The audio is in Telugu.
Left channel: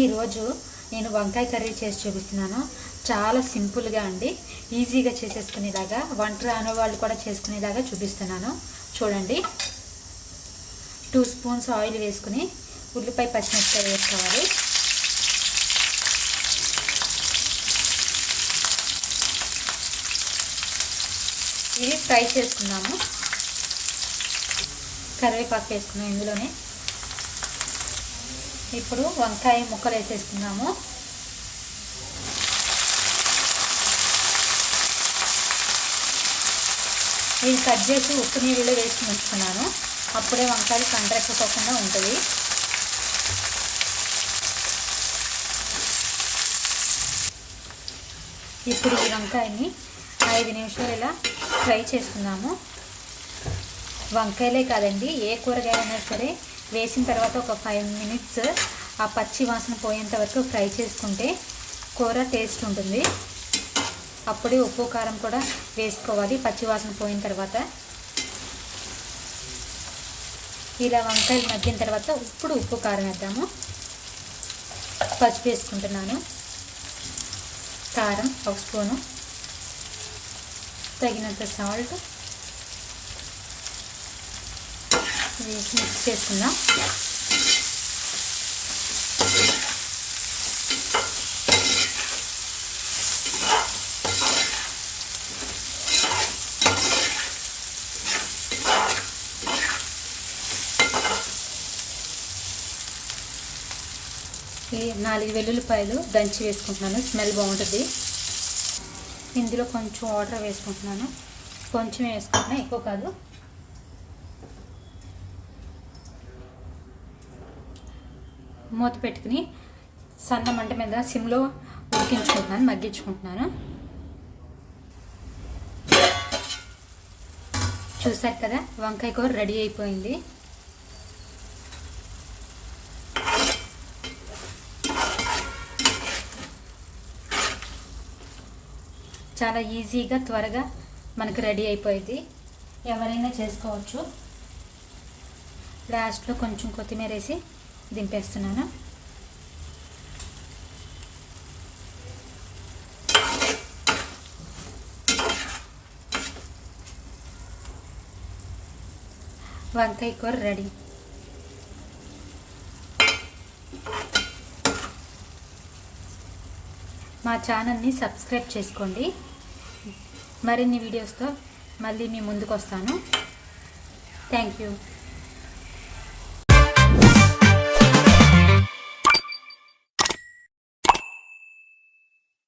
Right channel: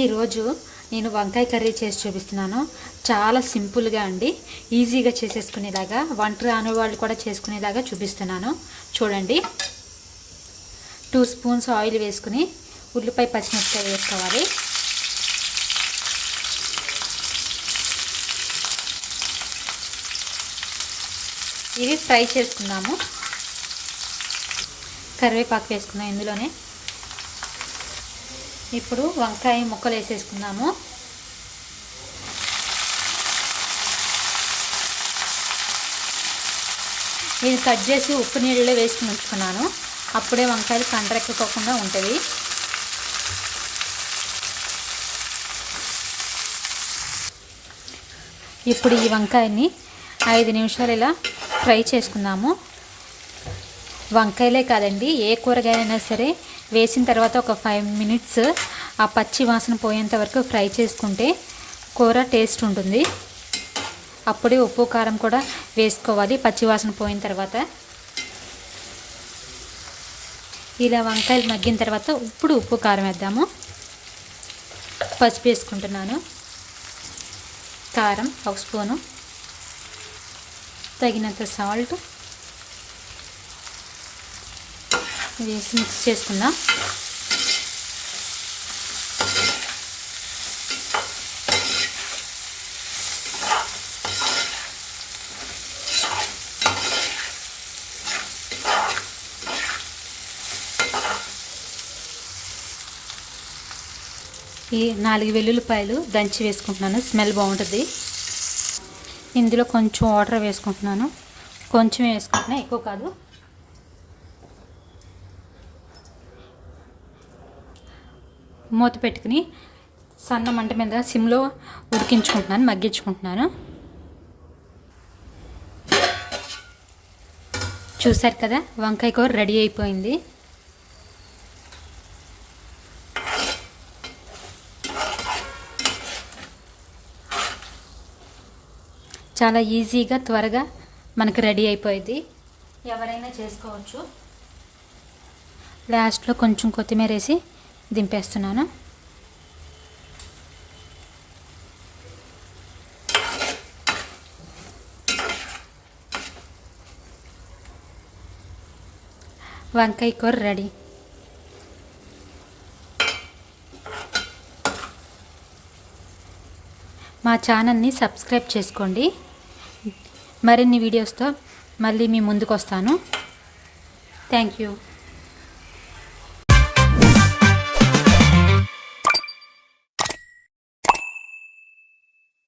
ఈరోజు నేను వంకాయ కర్రీ చేసి చూపిస్తున్నాను. చాలా సింపుల్గా అండి, ఈజీగా చేసేసుకునేలాగా, వంట రాని వాళ్ళు కూడా చేసుకునేలాగా చూపిస్తున్నాను. చూడండి, 2 స్పూన్స్ ఆయిల్ వేసుకుని ఉల్లిపాయ పచ్చిమిరపకాయ వేసుకోవాలి. ఇది ఫ్రై చేసుకున్నాము. కరివేపాకు వేసుకున్నాం ఇందులోనే. ఇప్పుడు వంకాయ ముక్కలు వేసేసుకున్నాము. నేను కట్ చేసి ఉప్పు నీళ్ళలో వేసుకుని ఉంచుకున్నాను. అప్పుడే వంకాయలు కండ్రెక్కకుండా ఉంటుంది. ఇప్పుడు ఈ వంకాయని 5 నిమిషాలు ఇలా ఫ్రై చేసుకుందాము. వంకాయలే కాదండి, ఏ కూరగాయలైనా సరే వేసిన తర్వాత ఒక 5 మినిట్స్ ఆ పచ్చి వాసన పోయేంత వరకు ఫ్రై చేసుకుంటే కూర టేస్ట్ ఉంటుంది. అప్పుడే ఉప్పు కారం కూడా వేసుకోవాలి పచ్చి వాసన పోయిన తర్వాత. ఇలా వంకాయలు మగ్గిన తర్వాత ఇప్పుడు ఉప్పు కారం వేద్దాము. పసుపు వేసుకుంటున్నాను, కారం 1 స్పూను, తగినంత సాల్ట్ వేసి మిక్స్ చేసుకుందాం. ఈ 4 వెల్లుల్లిపాయలు దంచి వేసుకుంటున్నాను, స్మెల్ బాగుంటుంది. ఇందులో కొంచెం వాటర్ వేసుకుంటున్నాను, కొంచెం వేసుకుంటున్నా, ఎక్కువ కాదు. మూత పెట్టుకుని సన్న మంట మీద సిమ్లో ఉడికించుకుంటున్నాను, మగ్గించుకుంటున్నాను. చూసారు కదా, వంకాయ కూర రెడీ అయిపోయింది. చాలా ఈజీగా త్వరగా మనకు రెడీ అయిపోయింది. ఎవరైనా చేసుకోవచ్చు. లాస్ట్లో కొంచెం కొత్తిమీర వేసి దింపేస్తున్నాను. వంకాయ కూర రెడీ. మా ఛానల్ని సబ్స్క్రైబ్ చేసుకోండి. మరిన్ని వీడియోస్తో మళ్ళీ మీ ముందుకు వస్తాను. Thank you.